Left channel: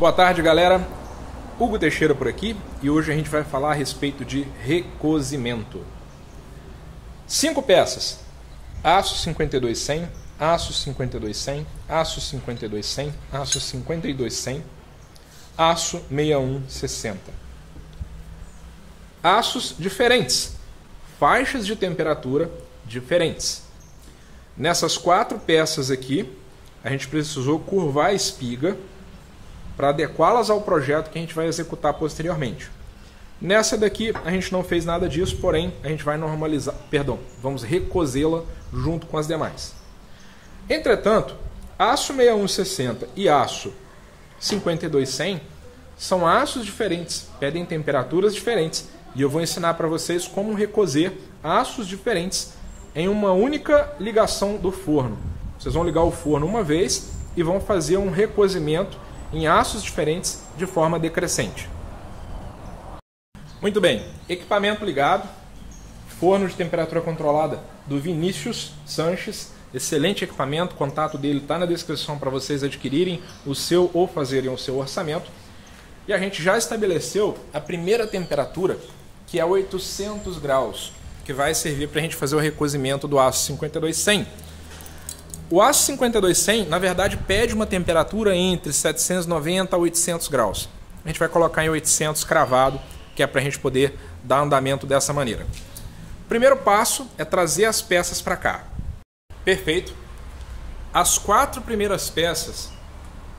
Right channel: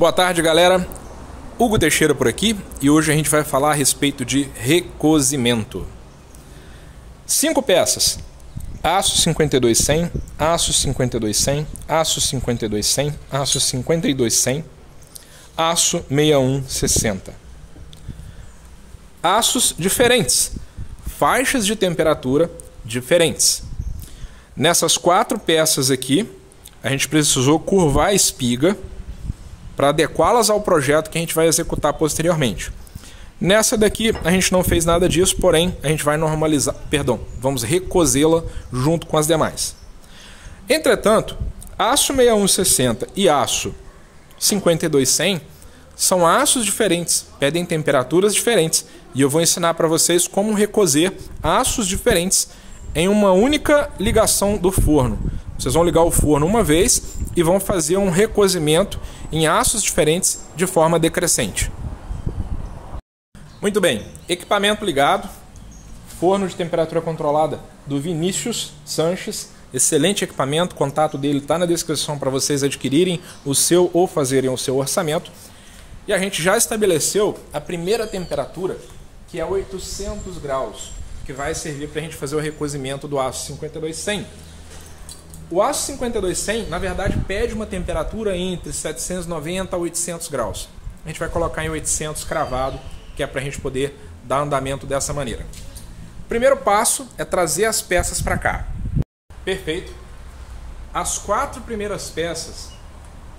Boa tarde, galera. Hugo Teixeira por aqui e hoje a gente vai falar a respeito de recozimento. 5 peças: aço 52-100, aço 52-100, aço 52-100, aço 52-100, aço 61-60. Aços diferentes, faixas de temperatura diferentes. Nessas 4 peças aqui, a gente precisou curvar a espiga para adequá-las ao projeto que a gente vai executar posteriormente. Nessa daqui a gente não fez nada disso, porém a gente vai vamos recozê-la junto com as demais. Entretanto, aço 61-60 e aço 52-100 são aços diferentes, pedem temperaturas diferentes, e eu vou ensinar para vocês como recozer aços diferentes em uma única ligação do forno. Vocês vão ligar o forno uma vez e vão fazer um recozimento em aços diferentes de forma decrescente. Muito bem, equipamento ligado, forno de temperatura controlada do Vinícius Sanches, excelente equipamento, o contato dele está na descrição para vocês adquirirem o seu ou fazerem o seu orçamento. E a gente já estabeleceu a primeira temperatura, que é 800 graus, que vai servir para a gente fazer o recozimento do aço 52-100. O aço 52-100, na verdade, pede uma temperatura entre 790 a 800 graus. A gente vai colocar em 800 cravado, que é para a gente poder dar andamento dessa maneira. O primeiro passo é trazer as peças para cá. Perfeito. As 4 primeiras peças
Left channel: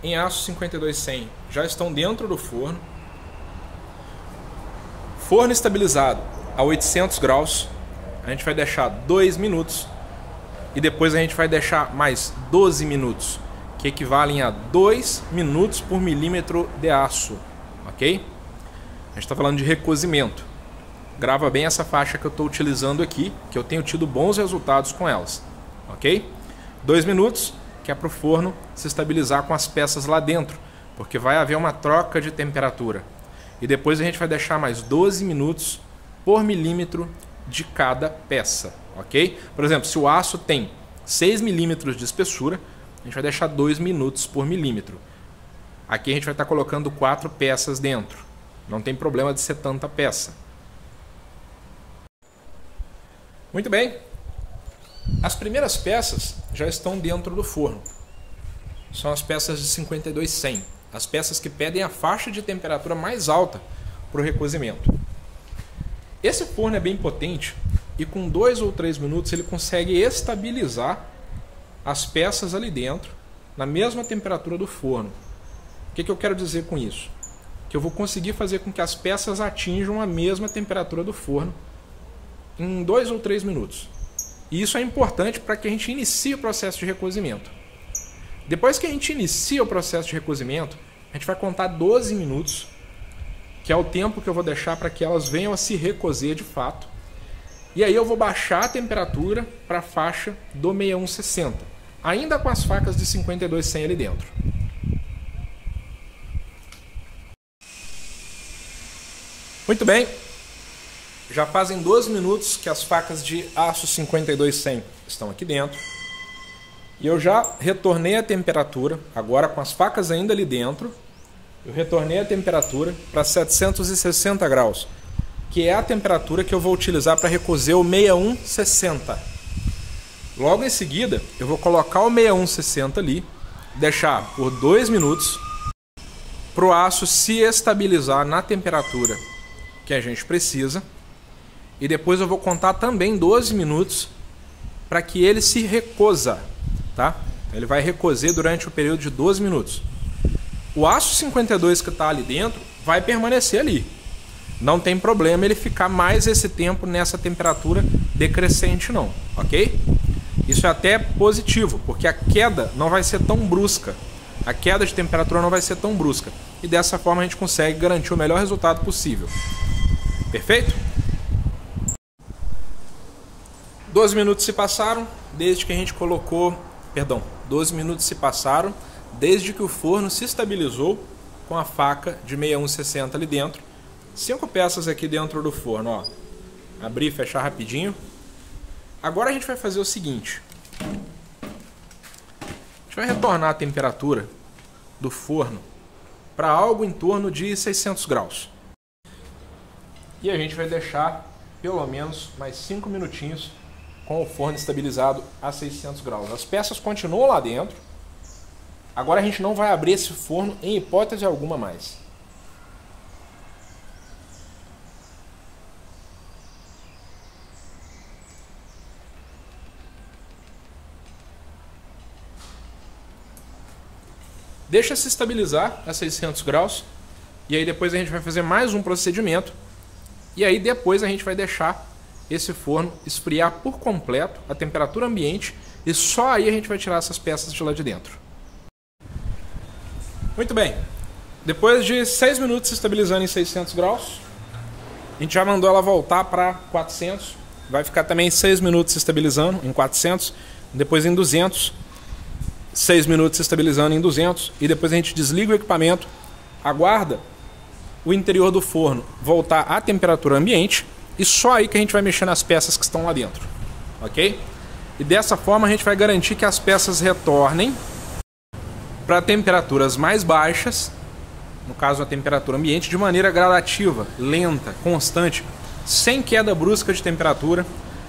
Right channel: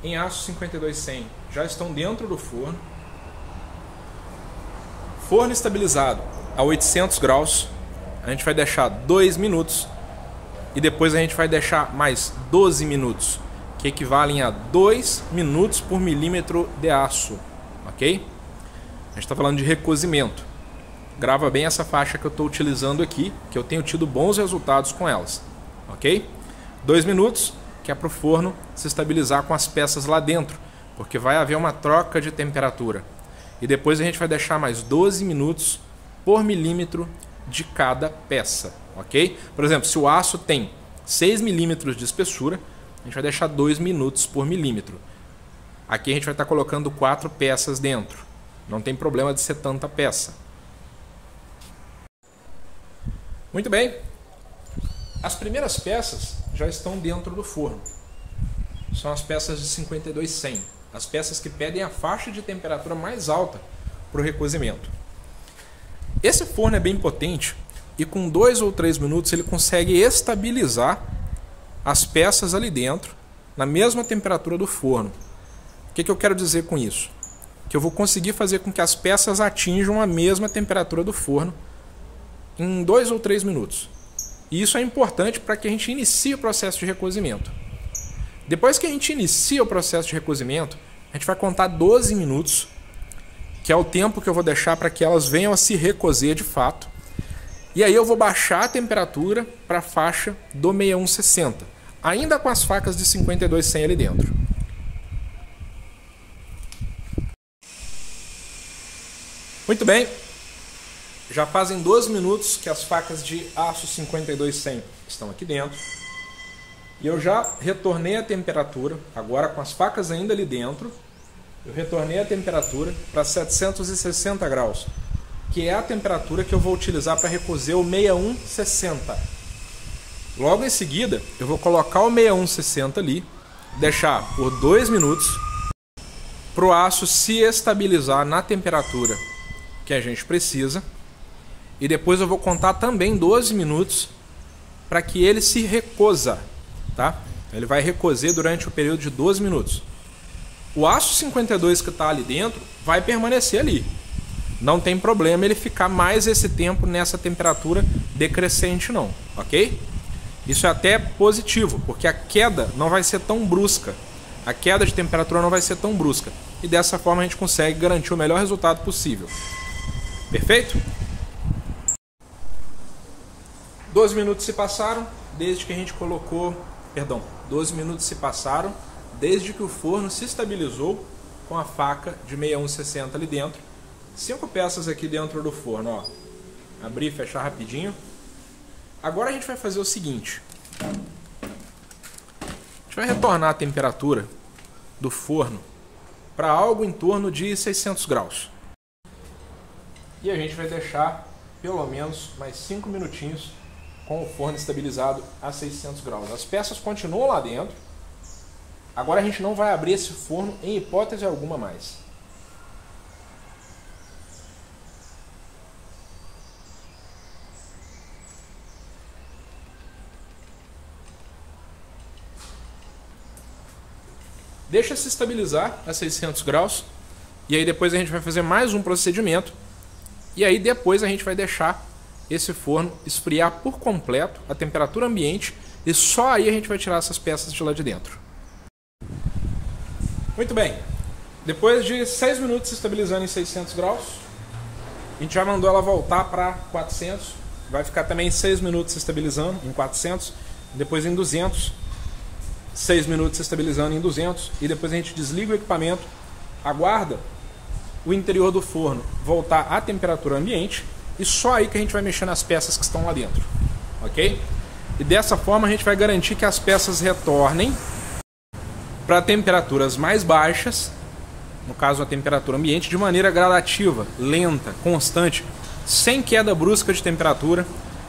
em aço 52-100 já estão dentro do forno. Forno estabilizado a 800 graus. A gente vai deixar 2 minutos. E depois a gente vai deixar mais 12 minutos, que equivalem a 2 minutos por milímetro de aço, ok? A gente está falando de recozimento. Grava bem essa faixa que eu estou utilizando aqui, que eu tenho tido bons resultados com elas, ok? 2 minutos, que é para o forno se estabilizar com as peças lá dentro, porque vai haver uma troca de temperatura. E depois a gente vai deixar mais 12 minutos por milímetro de cada peça, ok? Por exemplo, se o aço tem 6 milímetros de espessura, a gente vai deixar 2 minutos por milímetro. Aqui a gente vai estar colocando 4 peças dentro. Não tem problema de ser tanta peça. Muito bem. As primeiras peças já estão dentro do forno. São as peças de 52-100. As peças que pedem a faixa de temperatura mais alta para o recozimento. Esse forno é bem potente e com 2 ou 3 minutos ele consegue estabilizar as peças ali dentro na mesma temperatura do forno. O que eu quero dizer com isso? Que eu vou conseguir fazer com que as peças atinjam a mesma temperatura do forno em 2 ou 3 minutos. E isso é importante para que a gente inicie o processo de recozimento. Depois que a gente inicia o processo de recozimento, a gente vai contar 12 minutos, que é o tempo que eu vou deixar para que elas venham a se recozer de fato. E aí eu vou baixar a temperatura para a faixa do 61-60, ainda com as facas de 52-100 ali dentro. Muito bem, já fazem 12 minutos que as facas de aço 52-100 estão aqui dentro. E eu já retornei a temperatura, agora com as facas ainda ali dentro, eu retornei a temperatura para 760 graus, que é a temperatura que eu vou utilizar para recozer o 61-60. Logo em seguida, eu vou colocar o 61-60 ali, deixar por 2 minutos para o aço se estabilizar na temperatura que a gente precisa. E depois eu vou contar também 12 minutos para que ele se recoza, tá? Ele vai recozer durante o período de 12 minutos. O aço 52 que está ali dentro vai permanecer ali. Não tem problema ele ficar mais esse tempo nessa temperatura decrescente não, ok? Isso é até positivo, porque a queda não vai ser tão brusca. A queda de temperatura não vai ser tão brusca. E dessa forma a gente consegue garantir o melhor resultado possível. Perfeito? 12 minutos se passaram desde que a gente colocou... 12 minutos se passaram desde que o forno se estabilizou com a faca de 61-60 ali dentro. 5 peças aqui dentro do forno, ó. Abrir e fechar rapidinho. Agora a gente vai fazer o seguinte. A gente vai retornar a temperatura do forno para algo em torno de 600 graus. E a gente vai deixar pelo menos mais 5 minutinhos com o forno estabilizado a 600 graus. As peças continuam lá dentro. Agora a gente não vai abrir esse forno em hipótese alguma mais. Deixa se estabilizar a 600 graus. E aí depois a gente vai fazer mais um procedimento. E aí depois a gente vai deixar esse forno esfriar por completo a temperatura ambiente. E só aí a gente vai tirar essas peças de lá de dentro. Muito bem. Depois de 6 minutos se estabilizando em 600 graus, a gente já mandou ela voltar para 400. Vai ficar também 6 minutos se estabilizando em 400. Depois em 200. 6 minutos se estabilizando em 200 e depois a gente desliga o equipamento, aguarda o interior do forno voltar à temperatura ambiente e só aí que a gente vai mexer nas peças que estão lá dentro, ok? E dessa forma a gente vai garantir que as peças retornem para temperaturas mais baixas, no caso a temperatura ambiente, de maneira gradativa, lenta, constante, sem queda brusca de temperatura,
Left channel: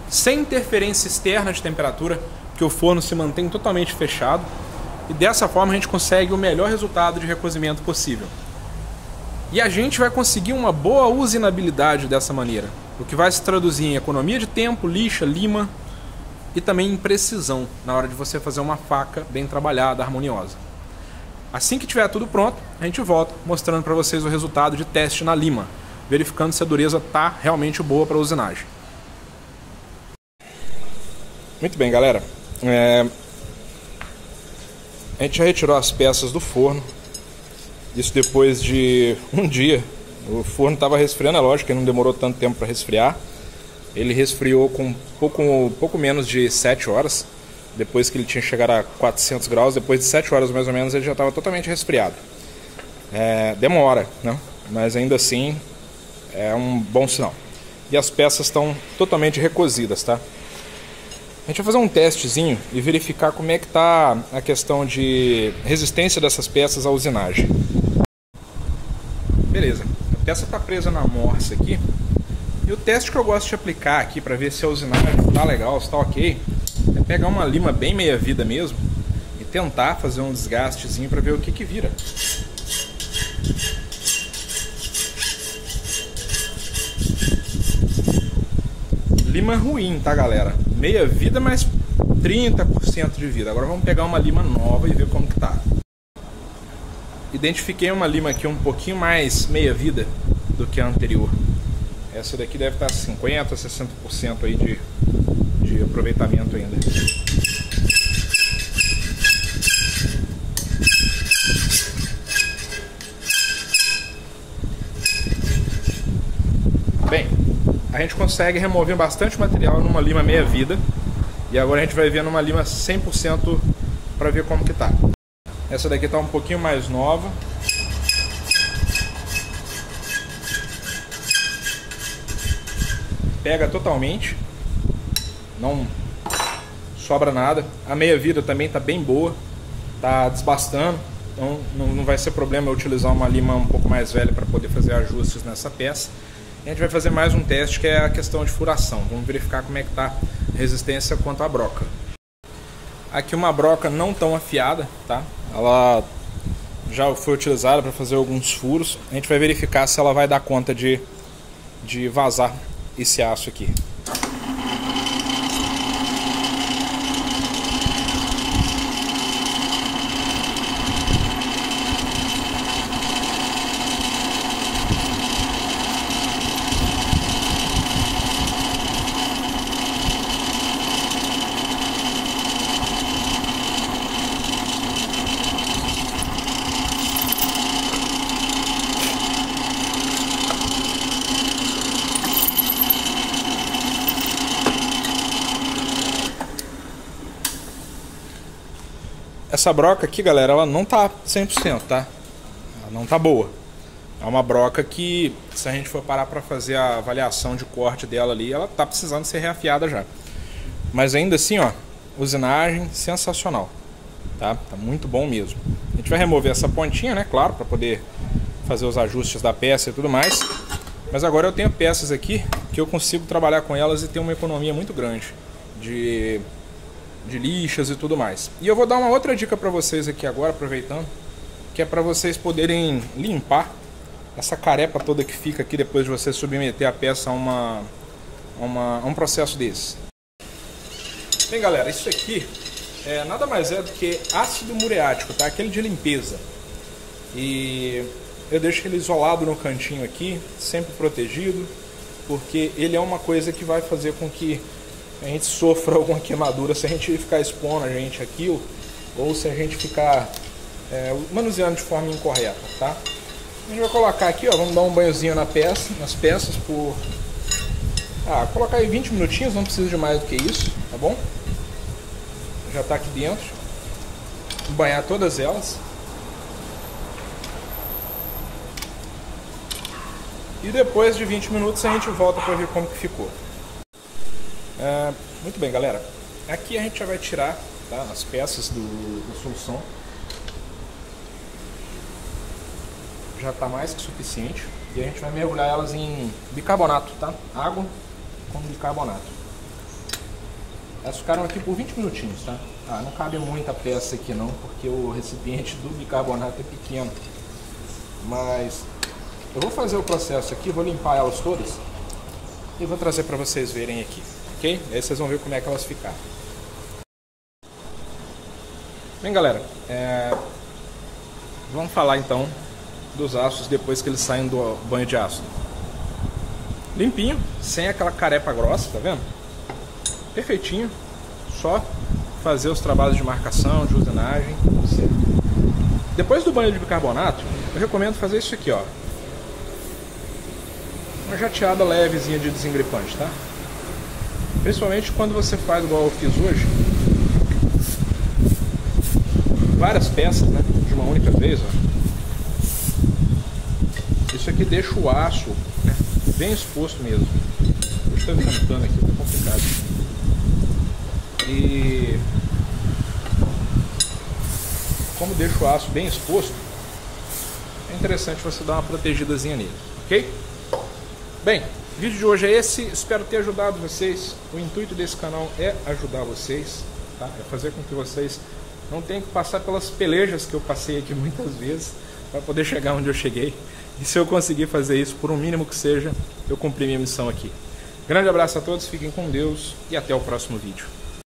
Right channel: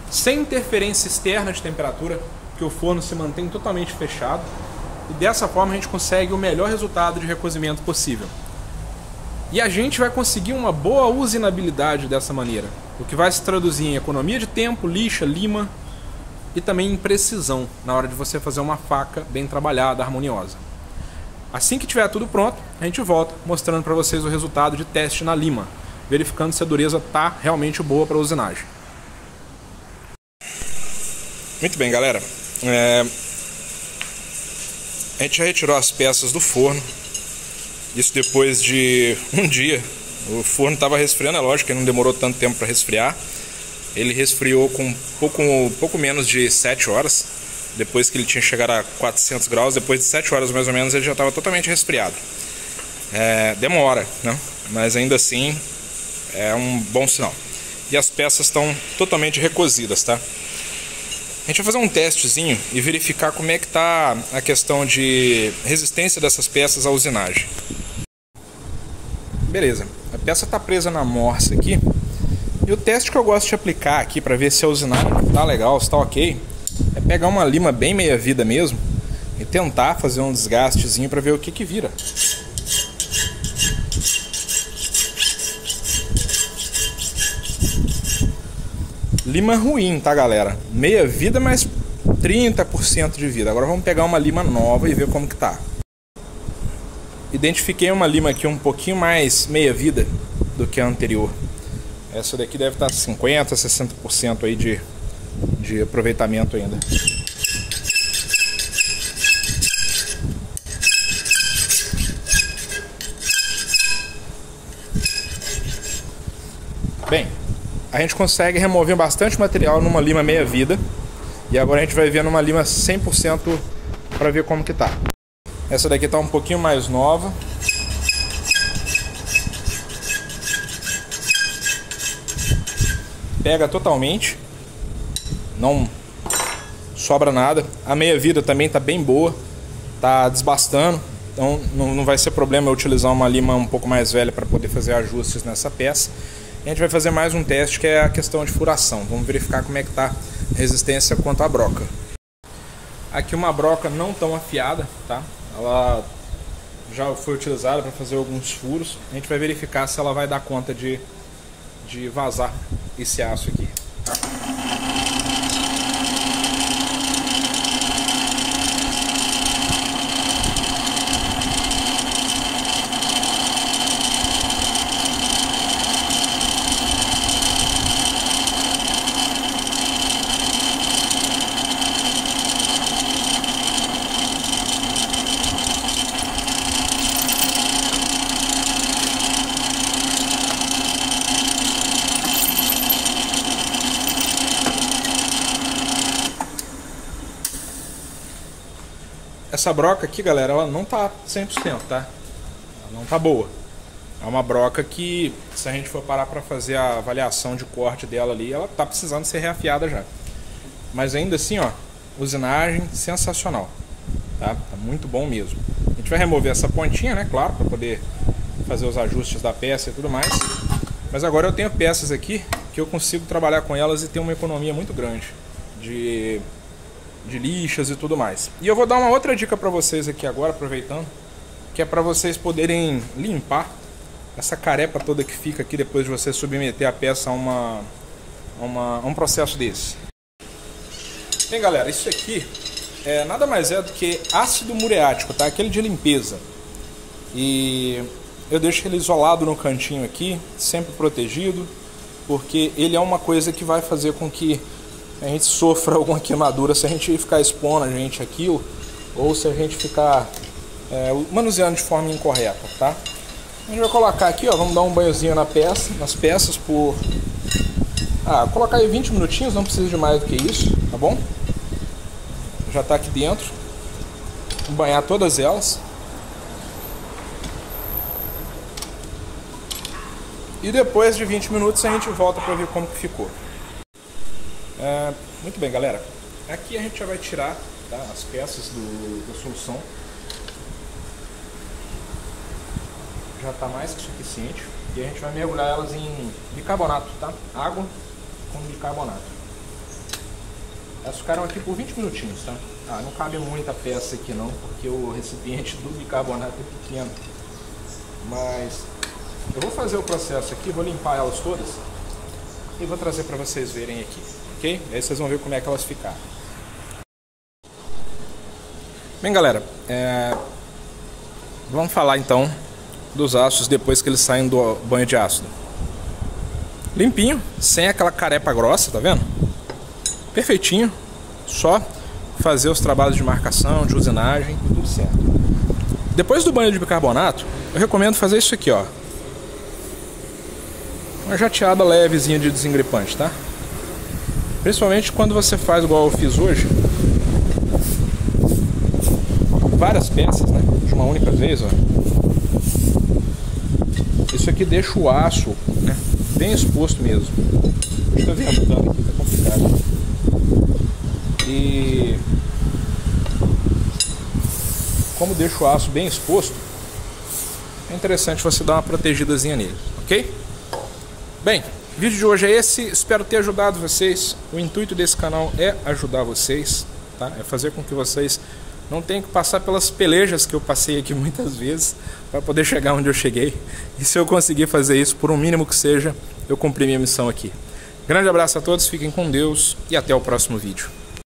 sem interferência externa de temperatura, que o forno se mantém totalmente fechado e dessa forma a gente consegue o melhor resultado de recozimento possível. E a gente vai conseguir uma boa usinabilidade dessa maneira, o que vai se traduzir em economia de tempo, lixa, lima e também em precisão na hora de você fazer uma faca bem trabalhada, harmoniosa. Assim que tiver tudo pronto, a gente volta mostrando para vocês o resultado de teste na lima, verificando se a dureza está realmente boa para usinagem. Muito bem, galera. A gente já retirou as peças do forno. Isso depois de um dia. O forno estava resfriando, é lógico que não demorou tanto tempo para resfriar. Ele resfriou com pouco menos de 7 horas. Depois que ele tinha chegado a 400 graus, depois de 7 horas mais ou menos, ele já estava totalmente resfriado. Demora, né? Mas ainda assim é um bom sinal. E as peças estão totalmente recozidas, tá? A gente vai fazer um testezinho e verificar como é que está a questão de resistência dessas peças à usinagem. Beleza, a peça está presa na morsa aqui. E o teste que eu gosto de aplicar aqui para ver se a usinagem está legal, se está ok, é pegar uma lima bem meia-vida mesmo e tentar fazer um desgastezinho para ver o que vira. Lima ruim, tá, galera? Meia vida, mas 30% de vida. Agora vamos pegar uma lima nova e ver como que tá. Identifiquei uma lima aqui um pouquinho mais meia vida do que a anterior. Essa daqui deve estar 50%, 60% aí de aproveitamento ainda. Bem, a gente consegue remover bastante material numa lima meia vida. E agora a gente vai ver numa lima 100% para ver como que tá. Essa daqui tá um pouquinho mais nova. Pega totalmente. Não sobra nada. A meia vida também tá bem boa. Tá desbastando. Então não vai ser problema eu utilizar uma lima um pouco mais velha para poder fazer ajustes nessa peça. A gente vai fazer mais um teste que é a questão de furação. Vamos verificar como é que está a resistência quanto à broca. Aqui uma broca não tão afiada, tá? Ela já foi utilizada para fazer alguns furos. A gente vai verificar se ela vai dar conta de vazar esse aço aqui. Essa broca aqui, galera, ela não tá 100%, tá? Ela não tá boa. É uma broca que, se a gente for parar para fazer a avaliação de corte dela ali, ela tá precisando ser reafiada já. Mas ainda assim, ó, usinagem sensacional, tá? Tá muito bom mesmo. gente vai remover essa pontinha, né? Claro, para poder fazer os ajustes da peça e tudo mais. Mas agora eu tenho peças aqui que eu consigo trabalhar com elas e ter uma economia muito grande de lixas e tudo mais. E eu vou dar uma outra dica para vocês aqui agora, aproveitando, que é para vocês poderem limpar essa carepa toda que fica aqui depois de você submeter a peça a um processo desse. Bem, galera, isso aqui nada mais é do que ácido muriático, tá? Aquele de limpeza. E eu deixo ele isolado no cantinho aqui, sempre protegido, porque ele é uma coisa que vai fazer com que a gente sofra alguma queimadura se a gente ficar expondo a gente aquilo, ou se a gente ficar manuseando de forma incorreta, tá? A gente vai colocar aqui, ó, vamos dar um banhozinho nas peças por... colocar aí 20 minutinhos, não precisa de mais do que isso, tá bom? Já tá aqui dentro. Vou banhar todas elas. E depois de 20 minutos a gente volta para ver como que ficou. Muito bem, galera. Aqui a gente já vai tirar, tá, as peças da solução. Já está mais que suficiente. E a gente vai mergulhar elas em bicarbonato, tá? Água com bicarbonato. Elas ficaram aqui por 20 minutinhos, tá? Não cabe muita peça aqui não, porque o recipiente do bicarbonato é pequeno. Mas eu vou fazer o processo aqui, vou limpar elas todas e vou trazer para vocês verem aqui, ok? Aí vocês vão ver como é que elas ficaram. Bem, galera, vamos falar então dos aços depois que eles saem do banho de ácido. Limpinho, sem aquela carepa grossa, tá vendo? Perfeitinho, só fazer os trabalhos de marcação, de usinagem, tudo certo. Depois do banho de bicarbonato, eu recomendo fazer isso aqui, ó. Uma jateada levezinha de desengripante, tá? Principalmente quando você faz igual eu fiz hoje, várias peças, né? De uma única vez, ó. Isso aqui deixa o aço, né, bem exposto mesmo. Estou vendo aqui, tá complicado. E como deixa o aço bem exposto, é interessante você dar uma protegidazinha nele, ok? Bem, o vídeo de hoje é esse, espero ter ajudado vocês. O intuito desse canal é ajudar vocês, tá? É fazer com que vocês não tenham que passar pelas pelejas que eu passei aqui muitas vezes para poder chegar onde eu cheguei. E se eu conseguir fazer isso, por um mínimo que seja, eu cumpri minha missão aqui. Grande abraço a todos, fiquem com Deus e até o próximo vídeo.